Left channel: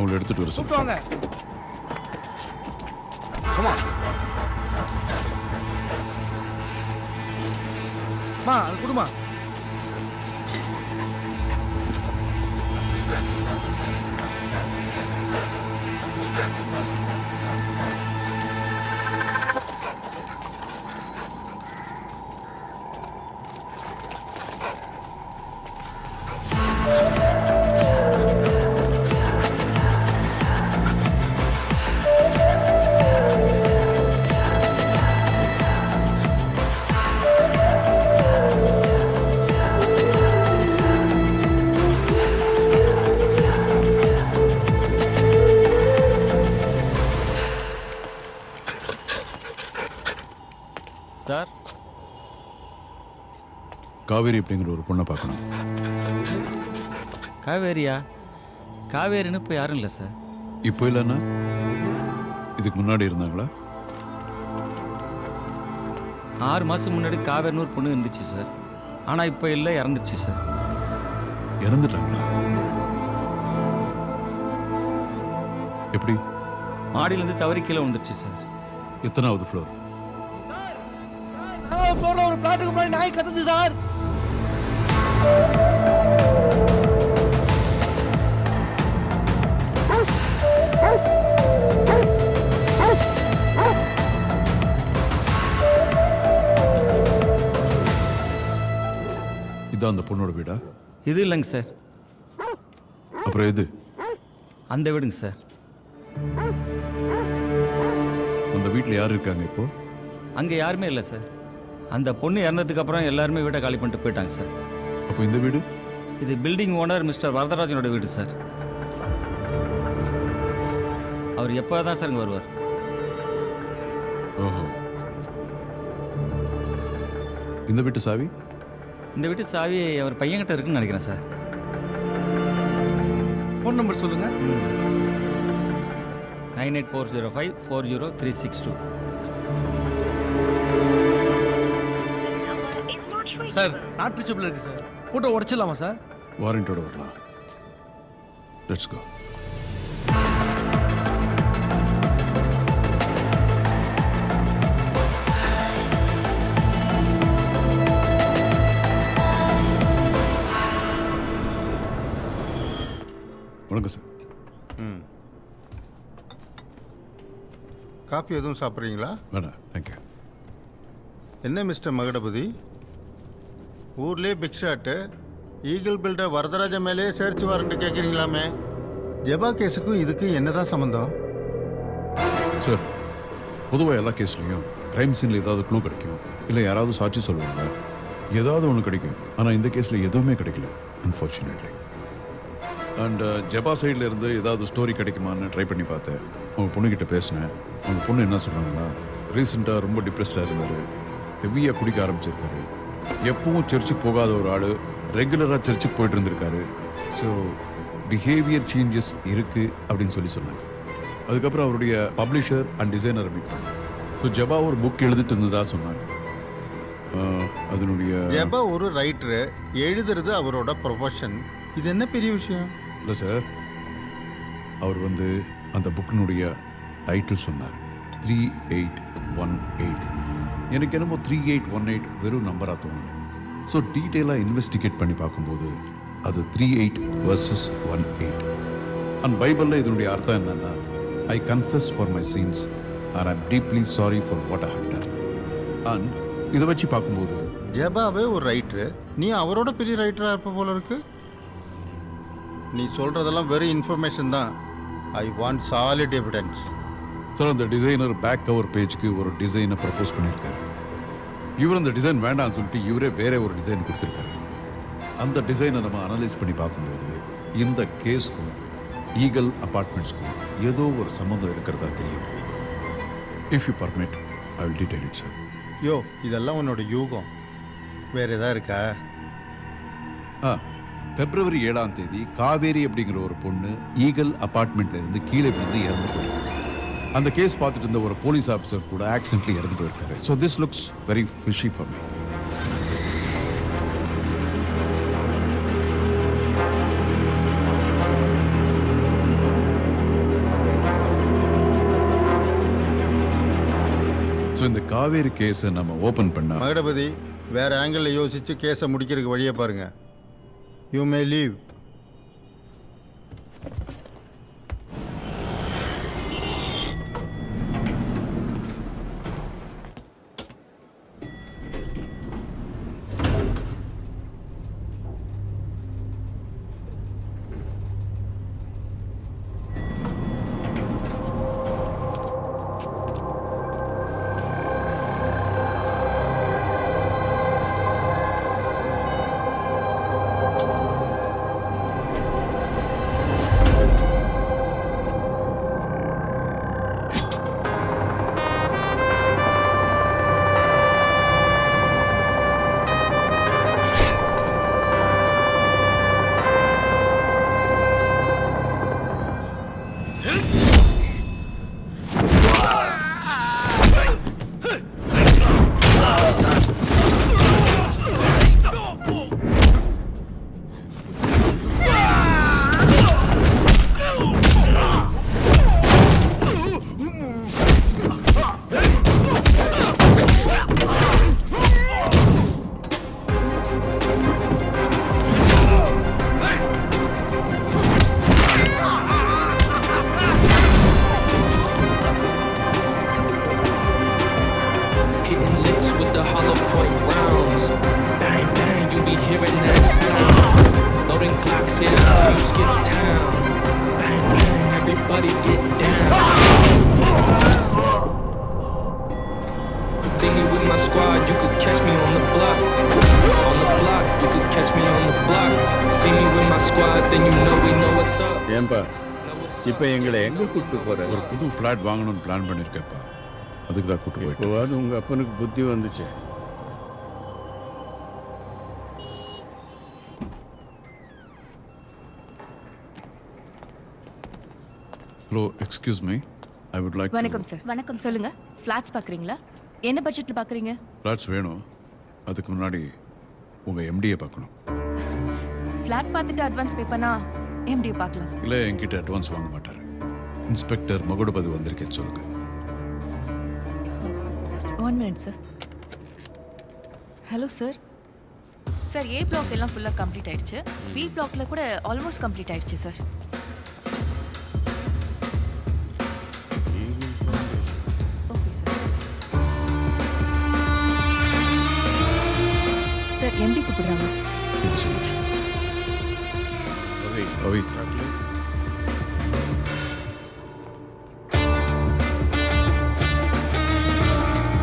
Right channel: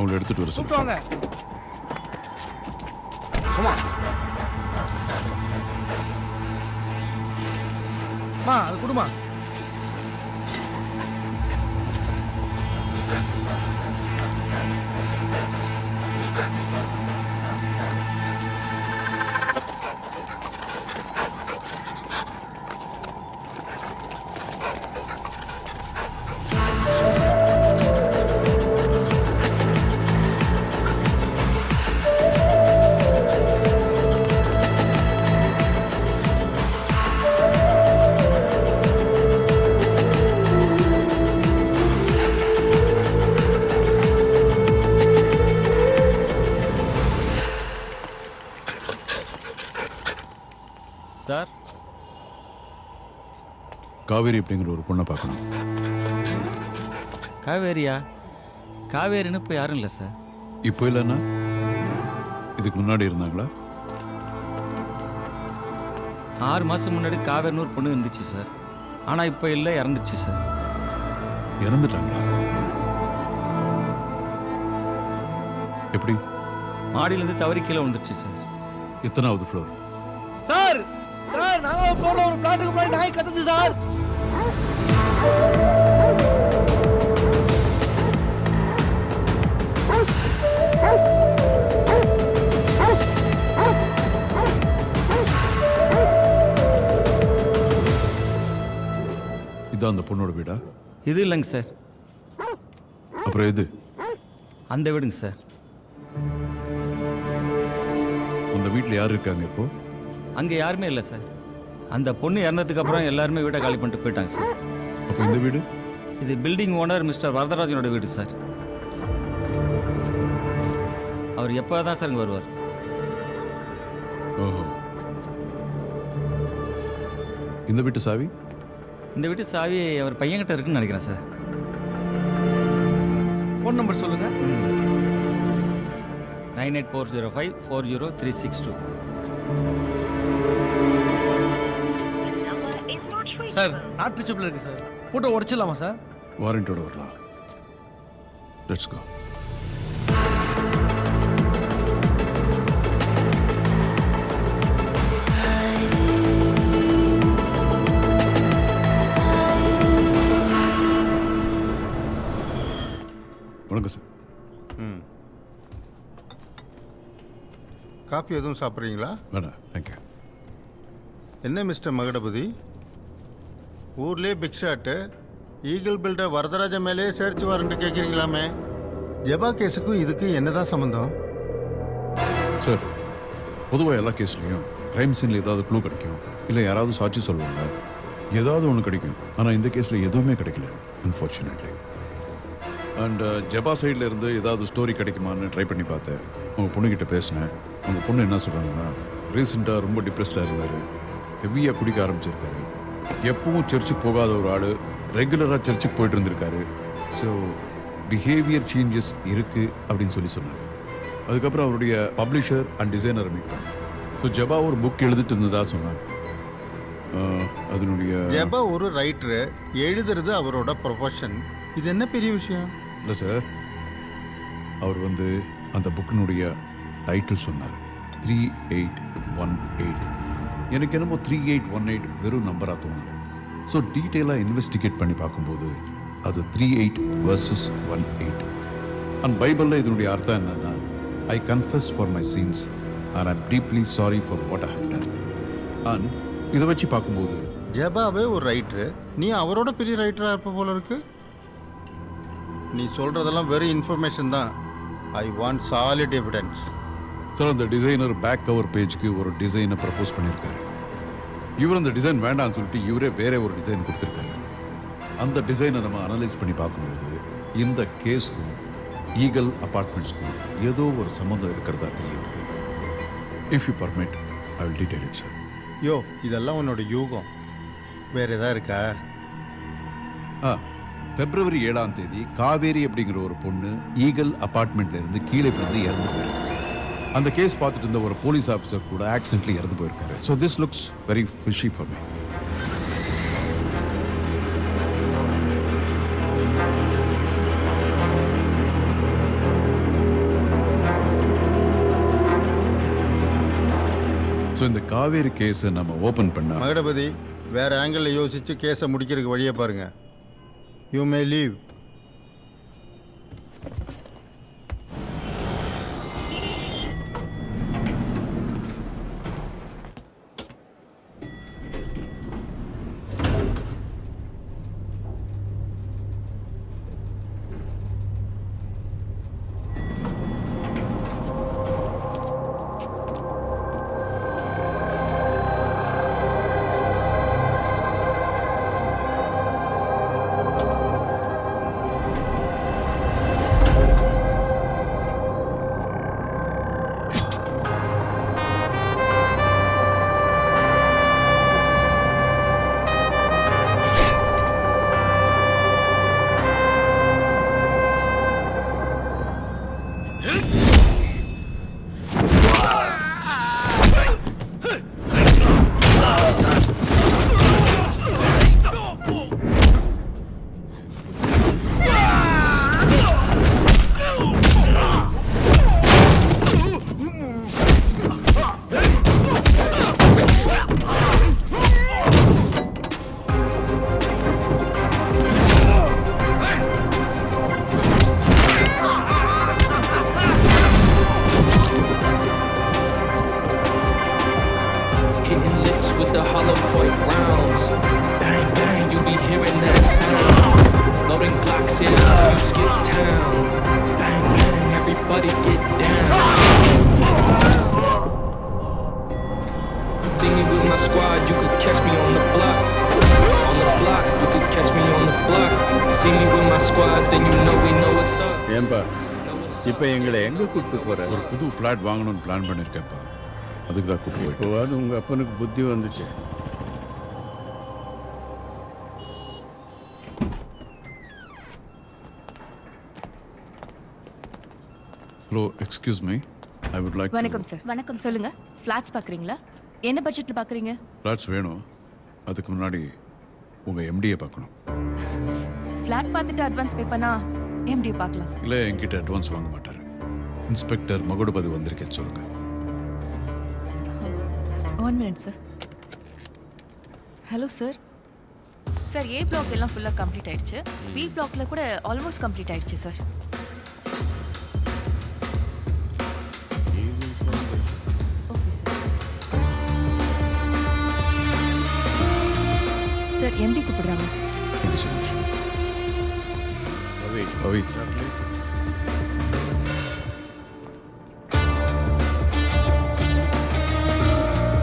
அவங்களை எடுத்துட்டு வர கூப்பிட்டு வாங்க. கமா மா அது குடுமா. சார், காவேரி அப்படிங்கிற ஒரு பொண்ணை பார்க்கணும். காவேரியா? காவேரின்னு இப்போ யாரும் இல்லை சார். இப்போ இல்லைன்னா இதுக்கு முன்னாடி இருந்தாங்களா? 6 மாதம் முன்னாடி காவேரின்னு ஒரு பொண்ணு இருந்துச்சு சார். ஆனால் இப்போ இல்லை, இறந்துச்சு சார். இறந்துட்டாங்களா? எப்படி? மாடியிலேருந்து தவறி கீழே விழுந்துருச்சு சார். எத்தனாவது ஃப்ளோர்? சார் சார் 4வது ஃப்ளோர்ல ஒரு பிளாட்டுக்கு முன்னாடி நாய் கத்துது சார். இதான் அந்த பொண்ணோட வீடா? இது இல்லைங்க சார், அப்புறம் எது? அந்த வீடுங்க சார். அந்த வீட்டில் யார் இருக்காங்க இப்போ? அங்கே யாருமே இல்லை சார். அந்த பொண்ணு இறந்ததுக்கு அப்புறம் எல்லாருமே வீட்டை காலி பண்ணிட்டு போயிட்டாங்க சார். அப்போ இந்த வீடு? இது பில்டிங் ஓனர் மிஸ்டர் வரதராஜனோட வீடு சார். அவர் எப்போ தான் சார் இங்கே வருவார். ஓஹோ. இந்த வீட்டு சாவி? இந்த வீட்டு சாவி அவர் பையன்கிட்ட இருக்குன்னு நினைக்கிறேன் சார். ஃபோன் நம்பர் சொல்லுங்க. 9840540362. சார் நாட் ரீச்சபிள் இருக்கு சார். போட்டோ உடைச்சிடலாமா சார்? வாரண்டோட வரலாம். Let's go. வணக்கம் சார். காஃபி எதுவும் சாப்பிட்றீங்களா? வேணா, தேங்க்யூ. என்ன மிஸ்டர் மகடபதி, ஊர்லேயே big shot eagle builder Varadaraja மேலே சர்ச் வாரண்ட் கேட்குறீங்களாமே. ஜெபா கேஸுக்கும் இதுக்கு என்னதான் சம்மந்தம்? சார், பொதுவாக எல்லா கேஸ்லையும் கிரைம் சீனில் ஏதாவது க்ளூ கிடைக்கும், இல்லை யாராவது சாட்சி சொல்லுவாங்க, ஏதாவது ஒன்று கிடைக்கும். ஆனால் இந்த கேஸில் எதுவுமே கிடைக்கல, அன்ஃபார்ச்சுனேட்லி. அண்ட் ஜெபா சைடில் இருந்து ஏதாவது ஸ்டோரி கிடைக்குமான்னு ட்ரை பண்ணி பார்த்தேன். அவங்க பொண்ணுக்கிட்ட பேசினேன். அவங்க பொண்ணு என்ன சொல்கிறாங்கன்னா, ரீசெண்டாக ரொம்ப டிப்ரெஸ்டாக இருந்தார், ஹெவியாக குடிக்க ஆரம்பிச்சிருக்காரு, எப்பவும் சர்ச்சுக்கு போகாத ஒரு ஆள் ரெகுலராக சர்ச்சுக்கு போயிட்டு இருந்திருக்காரு. ஸோ பிஹேவியர் சேஞ்சஸ் இருக்குது அப்படின்னு சொன்னாங்க. அதுக்கப்புறம் அவருடைய பப்ளிஷர் அண்ட் டிசைனரை மீட் பண்ணேன். ஸோ ஜெபா ஒரு புக் எழுதிட்டு இருந்ததா சொன்னாங்க. அதனுடைய ஜெபா ஒரு ரைட்டரு, எழுதுறது அவரோட ப்ரொஃபஷன். இது என்ன பெரிய விஷயம் இல்லை சார். அவர் அந்த புக்கினுடைய டைட்டில் சொன்னார், 3818. எனக்கு என்னமோ 3818 வெறும் நம்பராக தோணலை. ஸோ டீட்டெயிலாக இன்வெஸ்டிகேட் பண்ணி பார்க்கும்போது அது 38 versus 18. அண்ட் பைபிளில் இதனுடைய அர்த்தம் என்னன்னா, I confess for my sins and I'm deeply sorry for what I have done. And இதை வச்சு பார்க்கும்போது ஜெபாவே ஒரு ரைட்டரு, நீ அவரோட பெரிய ரைட்டராக இருப்ப போல இருக்கு. நீ சொல்கிறதெல்லாம் வெறும் இன்ஃபர்மேஷன் தான். I want solid evidence. Sir, அந்த டிசைனர் பேக் கவர் பேஜ்க்கு ஒரு டிசைனை ப்ரப்போஸ் பண்ணியிருக்காரு. இவர் அந்த டிசைன் வேண்டாம்னு சொல்லிட்டு இவரே வேற ஒரு டிசைன் கொடுத்துருக்காரு. அந்த டிசைனை நம்ம அனலைஸ் பண்ணி பார்க்கும்போது இந்த கேஸ்க்கும் ஈகிள் அபார்ட்மெண்ட்ஸ்க்கும் ஏதோ ஒரு சம்மந்தம் இருக்கிறதா தெரிய வருது. If you permit, I will detail it sir. யோ, இதெல்லாம் உன்னோட யூகம். வேற ஏதா இருக்கா? February 7ஆம் தேதி காவேரி அப்படிங்கிற ஒரு பொண்ணு ஈகிள் அபார்ட்மெண்ட்ல இருந்து கீழே விழுந்து இறந்து போயிருக்கு. அந்த கேஸ் பார்த்துட்டு இருந்த ஒரு போலீஸ் ஆஃபீஸர் கூட ஆக்சிடென்ட்லி இறந்து போயிருக்காரு. So this looks very fishy for me. So இந்த காவேரி கேஸை நம்ம ஓப்பன் பண்ணா மகடபதி வேற ஆங்கிளில் யோசிச்சு கேஸை முடிக்கிறதுக்கு வழியை பாருங்க. You may leave. Hitting licks with the hollow point rounds. Bang, bang, you be hearing that sound. Loading Glocks, yeah, you skip town. Bang, bang, everybody get down. See me with my squad, you could catch me on the block. On the block, you could catch me on the block. See me with my squad, then you know we know what's up. ஏன்பா Know what's இப்போ up. எங்களை எங்கே கூப்பிட்டு போற? ஒரு புது flat வாங்கணும்னு plan பண்ணியிருக்கேன்ப்பா. அதுக்கு தான் கூட்டு போயிட்டு இப்போவாது உங்கள் அப்பனுக்கு புத்தி வந்துச்சு. Hello excuse me, I would like வணக்கம் சார். வணக்கம் சார். சொல்லுங்க. ஃபிளாட்ஸ் பார்க்குறீங்களா? என்ன பட்ஜெட்டில் பார்க்குறீங்க? ஃப்ளாட்ஸ் வேணும். அதுக்கு முன்னாடி உங்கள் எம்டியை பார்க்கணும். ஃப்ளாட் பார்த்துட்டு அட்வான்ஸ் பே பண்ணா எம்டி பார்க்கலாம் சார். இல்லை என்கிட்ட அட்வான்ஸ் வாங்க மாட்டார். இன்ஸ்பெக்டர் மகுடபதி வந்திருக்கேன்னு சொல்லுங்கள். 1 minute sir. Hello sir. Sir A block எல்லாம் ஃபுல்லாக கம்ப்ளீட் ஆயிடுச்சு. பி பிளாக்ல கூட ஆல்மோஸ்ட் கம்ப்ளீட் ஆயிடுச்சு sir. Okay sir. Sir MD கூப்பிடுறாங்க. Thank you so much. Ravi Ravi chocolate